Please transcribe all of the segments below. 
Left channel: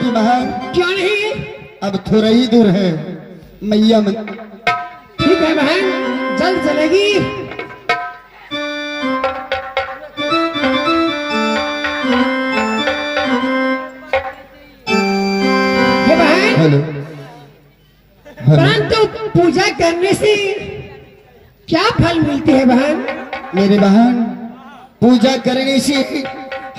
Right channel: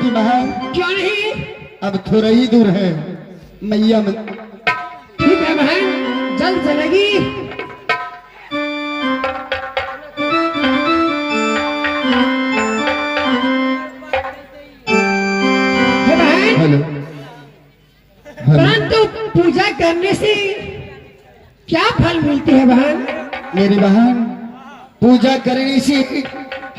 बेटी बहन। क्यों नहीं? अब थोड़ा ही दूर है मैया मन। ठीक है बहन, जल्द चलेगी। बहन, हेलो। परंतु पूजा करने से क्या फल मिलते हैं बहन? मेरी बहन, पूजा करने से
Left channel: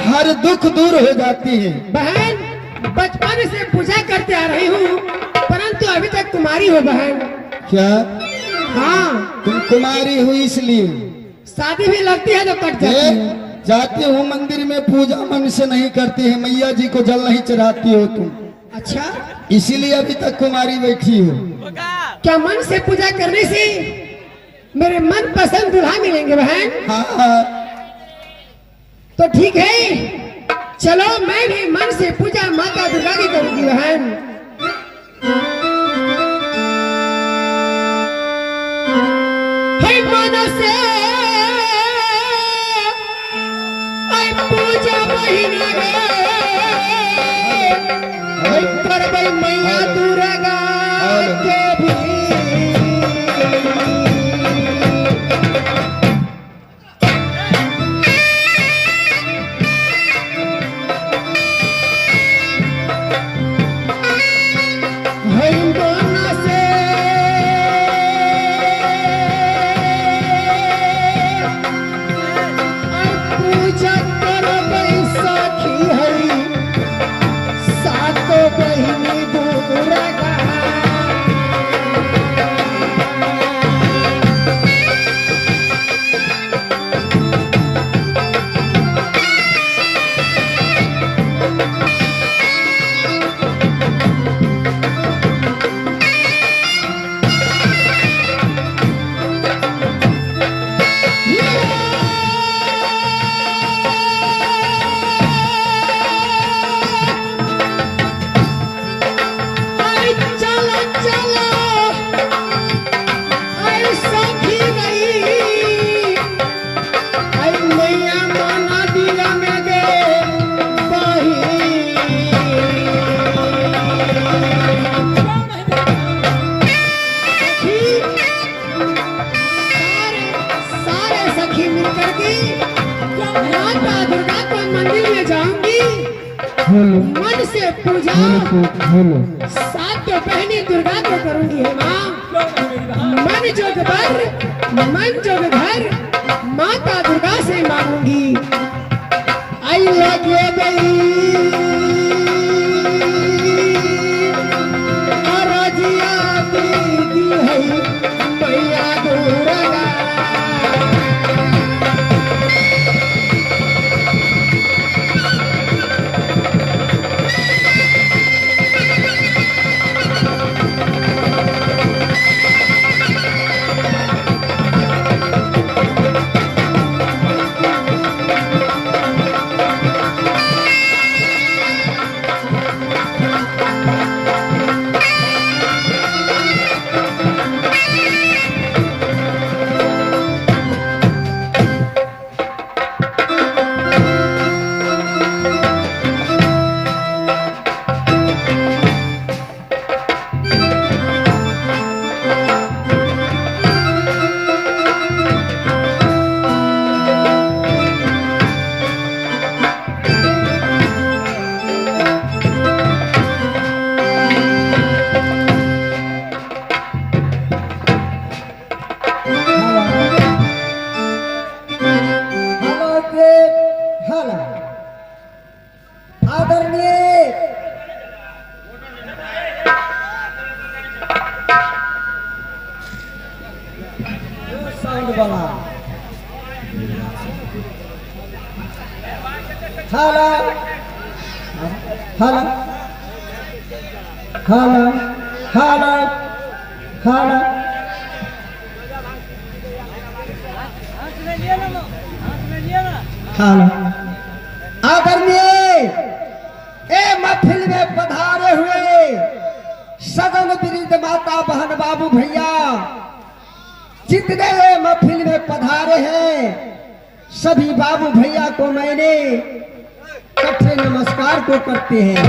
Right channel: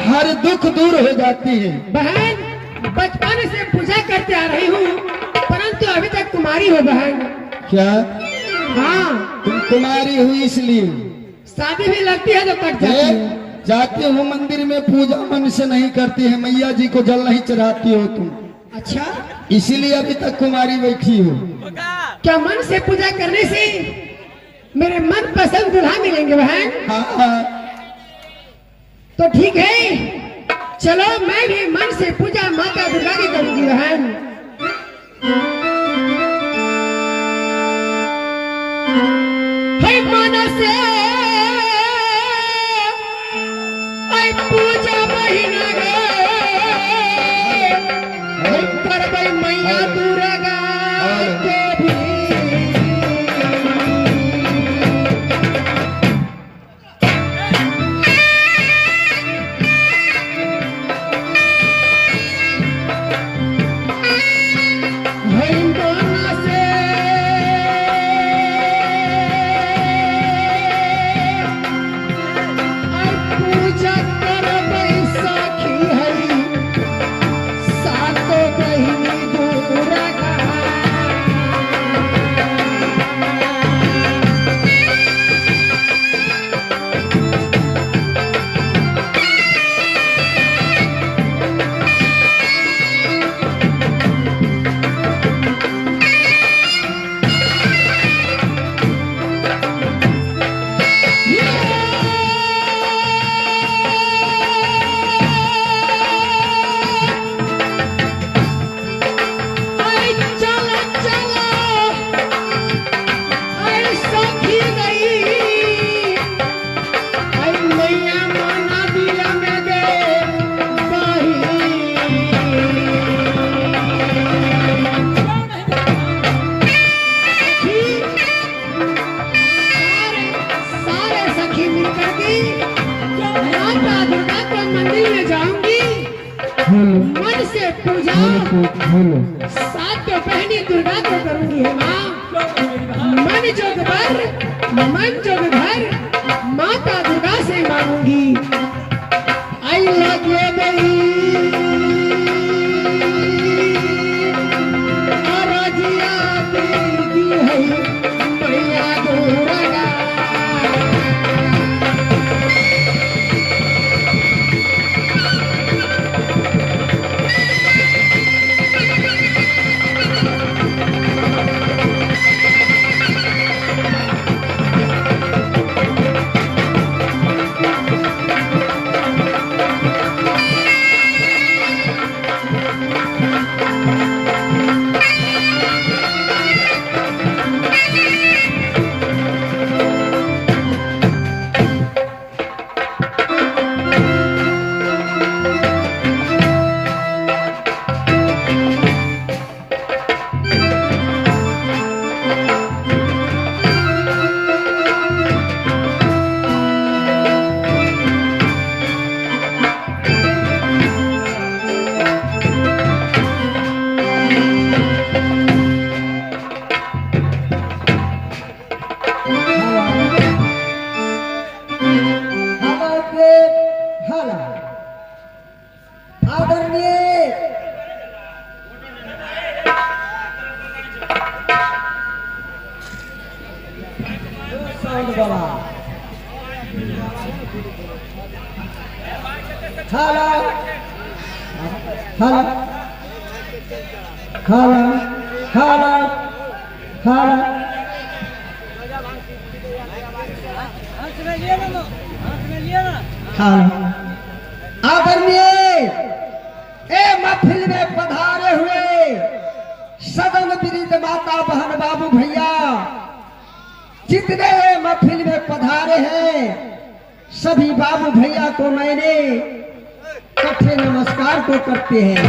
हर दुख दूर हो जाती है। बहन, बचपन से पूजा करते आ रही हूँ, परंतु अभी तक कुमारी हो बहन। क्या? हाँ, तुम कुमारी हुई इसलिए शादी भी लगती है तो कट जाती है। जाती हो मंदिर में, पूजा मन से नहीं करती है, मैया जी को जल नहीं चढ़ाती हो तुम, अच्छा, इसीलिए अभी तक कुमारी बैठी हो। क्या मन से पूजा करने से मेरे मन पसंद दूल्हा मिलेंगे बहन? हाँ हाँ, तो ठीक है, चलो मैं भी मन से पूजा माता दुर्गा की करूंगी बहन। हे मन से पूजा महीना करबै मैया दुर्गा के भी। मन से पूजा सात तो पहली दुर्गा को करूंगी है माँ। मन जोग घर माता दुर्गा से मांगूंगी। आई लगे आदरणीय महफिल में पधारे हुए सदन विरिध माता बहन बाबू भैया, जितने महफिल में पधारे हैं सभी बाबू भैया को मैंने इकट्ठे नमस्कार को करते हैं।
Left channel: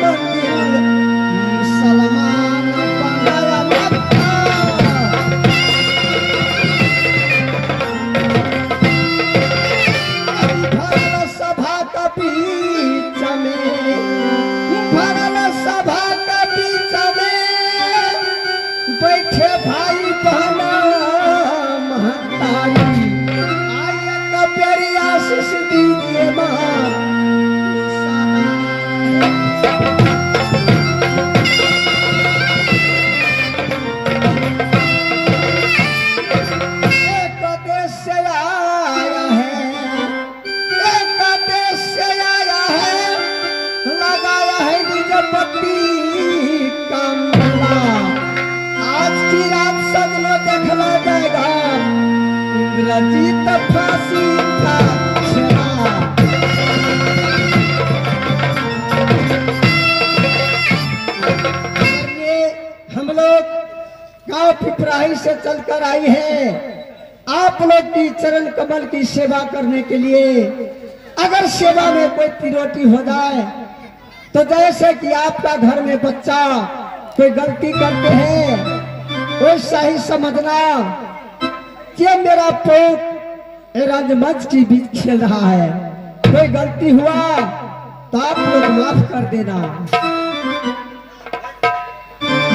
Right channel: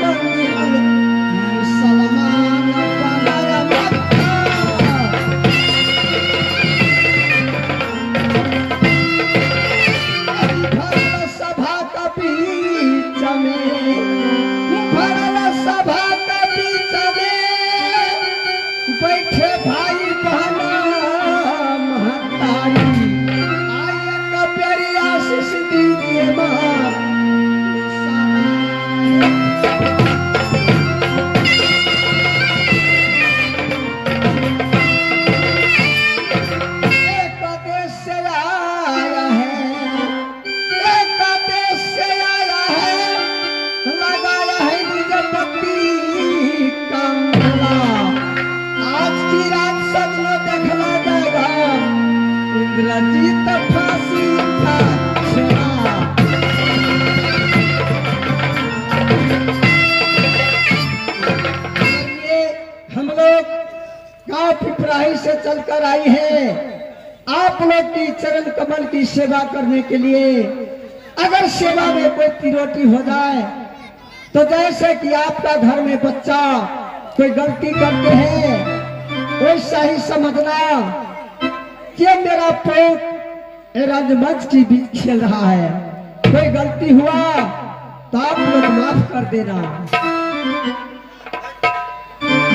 मंदिर मुसलमान बनाया जाता। भरल सभा का बीच में, भरल सभा का बीच में बैठे भाई बहना महतारी, आइए का प्यारी आशीष दीजिए मां। एक देश से आया है, एक देश से आया है, लगाया है निज पट्टी का मेला। आज की रात सगलो देखना जाएगा इंद्रजीत फांसी का छेड़ा। ये हम लोग गांव पिपराही से चलकर आई है आप लोग की चरण कमल की सेवा करने के लिए। अगर सेवा में कोई त्रुटि हो जाए तो जैसे कि आपका घर में बच्चा कोई गलती करते हैं, वैसा ही समझना कि मेरा पोत रंगमंच की बीच खेल रहा है। कोई गलती हुआ तो आप लोग माफ कर देना।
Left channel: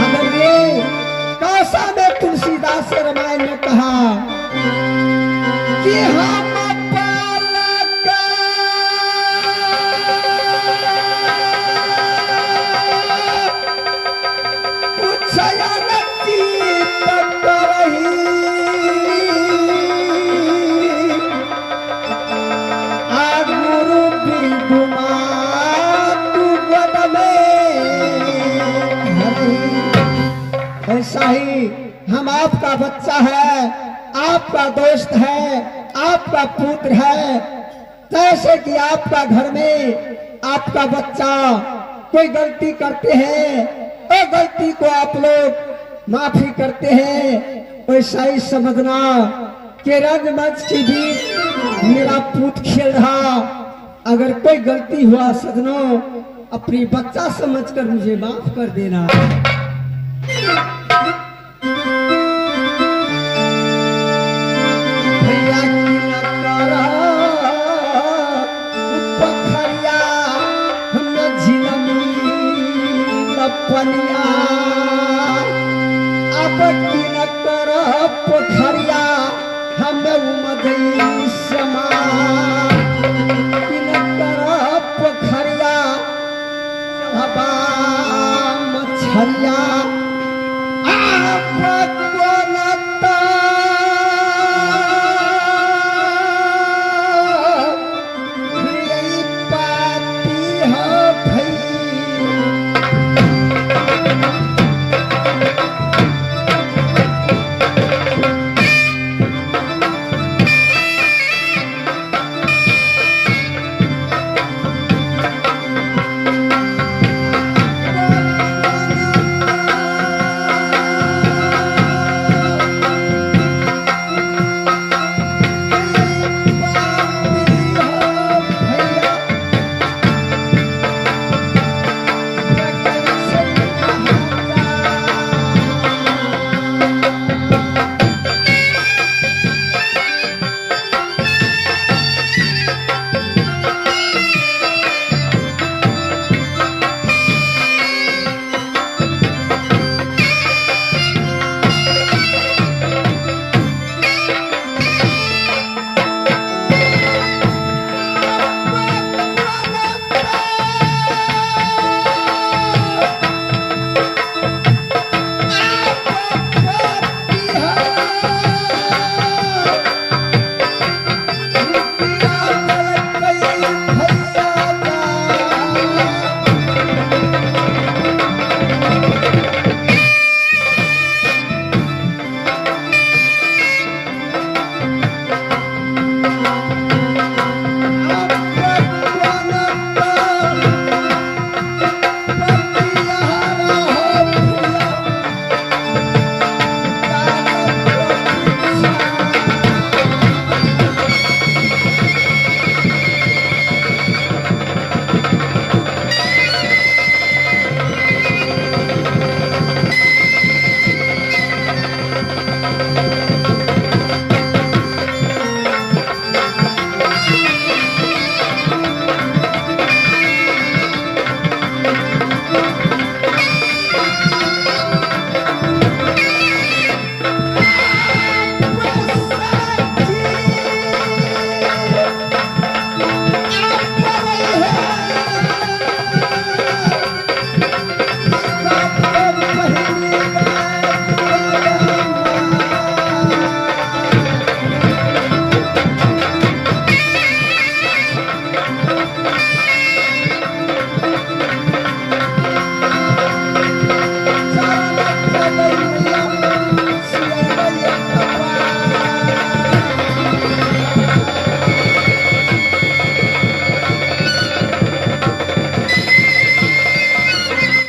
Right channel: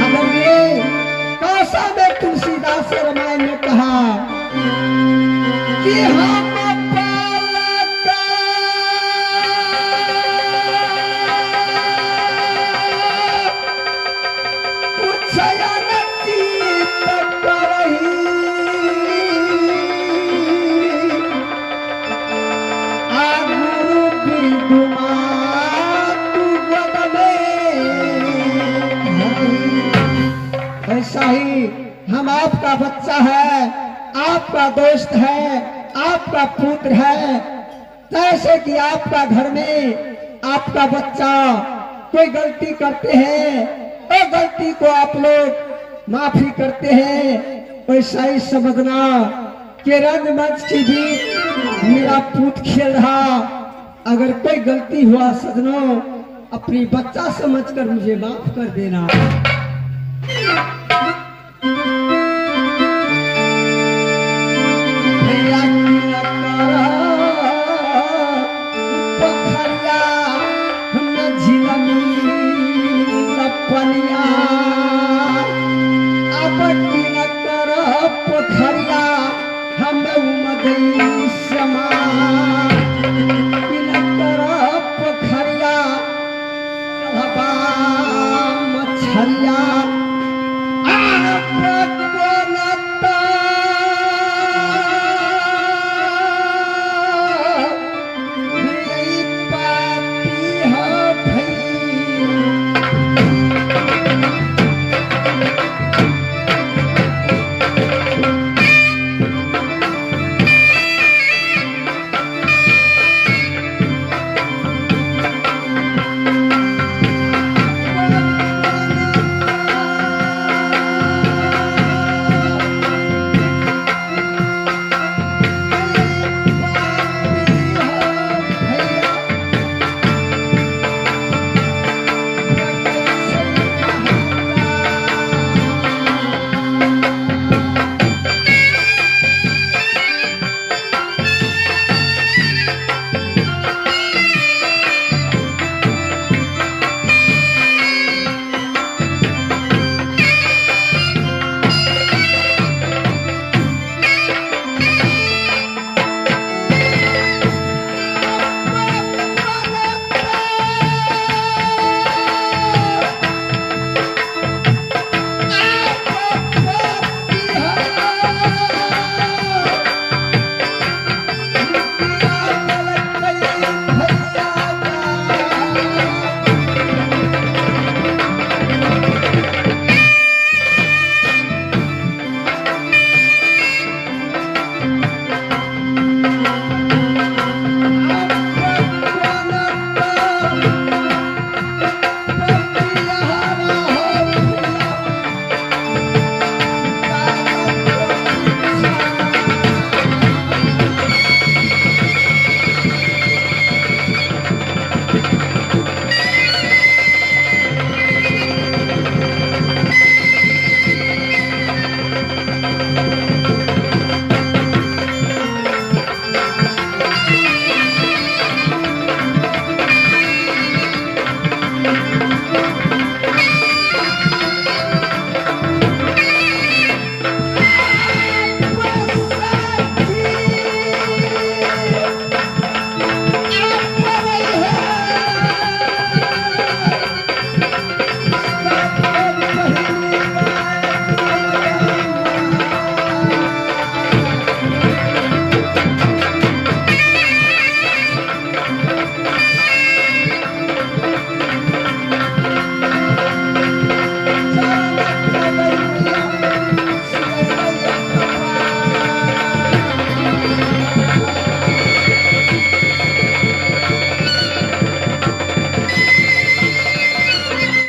अगर ये कासा में तुलसीदास रामायण में कहा कि हम ऐसा ही हम आपका बच्चा है, आपका दोस्त है, आपका पुत्र है। जैसे कि आपका घर में आपका बच्चा कोई गलती करते हैं, तो गलती को आप लोग माफी करते हैं। वैसा ही समझना कि रंगमंच की भी मेरा पुत्र खेल रहा। अगर कोई गलती हुआ सजनों, अपनी बच्चा समझकर मुझे माफ कर देना। भैया की पोखरिया हम झिलमी लपनिया, अब की न कर पोखरिया हम उमदई समा, की न कर पोखरिया हवा मछरिया